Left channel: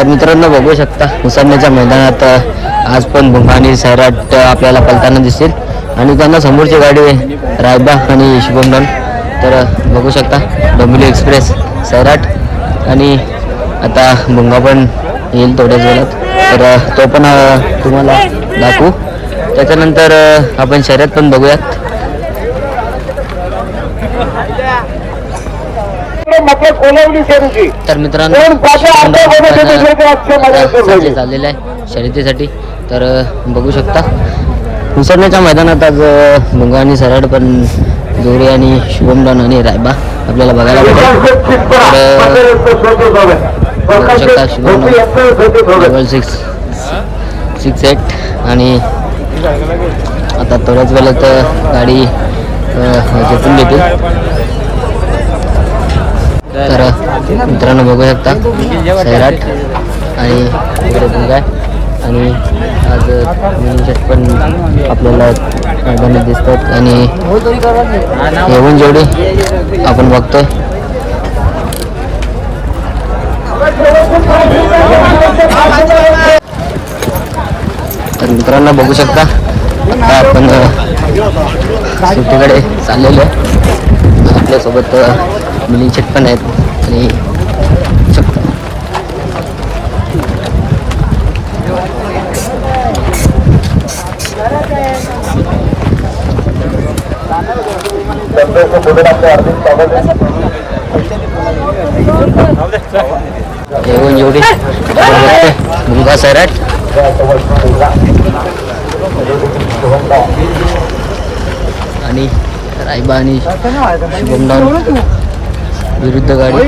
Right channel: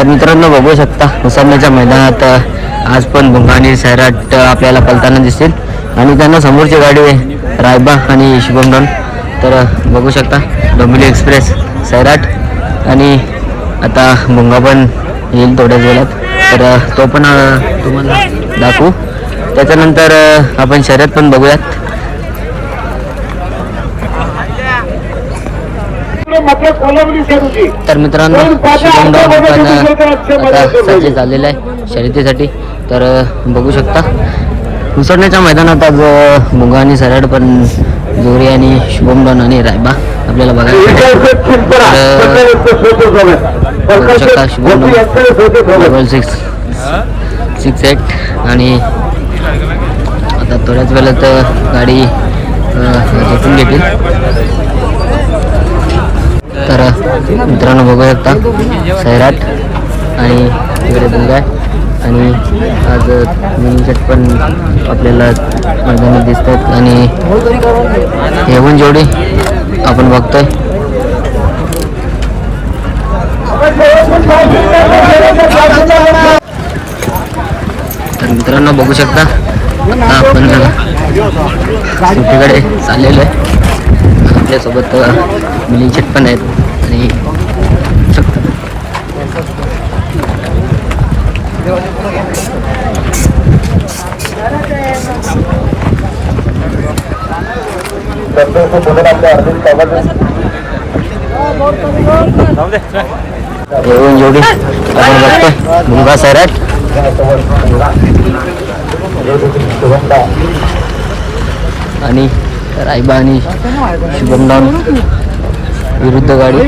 तर मित्रांनो बघू शकता उसरण्याच्या मैदानात आज पण भुंगा आणि सैराट आपल्याला पलताना दिसतील आणि त्यांना समोरची गाडी आहे रायबा आणि शुभमडॉन. तर बघू शकता डोंबिवली एक्सप्रेस सैराट आणि आता भुंगा पण येईल थोड्याच वेळात. तर तो पण तुम्हाला दाखवू. त्याच्यानंतर आपण शर्यत पण बघूयात. तर मित्रांनो सज्ज झालेला आहे शर्यतीसाठी. तर बघू शकता उसरण्याच्या मैदानात आज भुंगा आणि सैराट पण जोरी आणि शुभमडॉन आणि रायबा आपल्याला बघायला भेटेल. बघू शकता शुभमडॉन डबल 6-8 आणि आता थोड्याच वेळात गाडी जिंकून घेतील. तर मित्रांनो बघू शकता सैराट आणि इकडे भुंगा आणि आज मिनिंग पण आपल्याला मैदानात दिसत आहेत आणि येऊन जोडी आपण बघतोय. तर मित्रांनो बघू शकता आता आपण सुट्टीकडे चाललेलो आहे. आपल्यासोबत मिलिंग शेट पण आहेत आणि येऊन जोडी आपण बघतोय भुंगा सैराट आणि रायबा आणि शुभमडॉन विरुद्ध गाडी.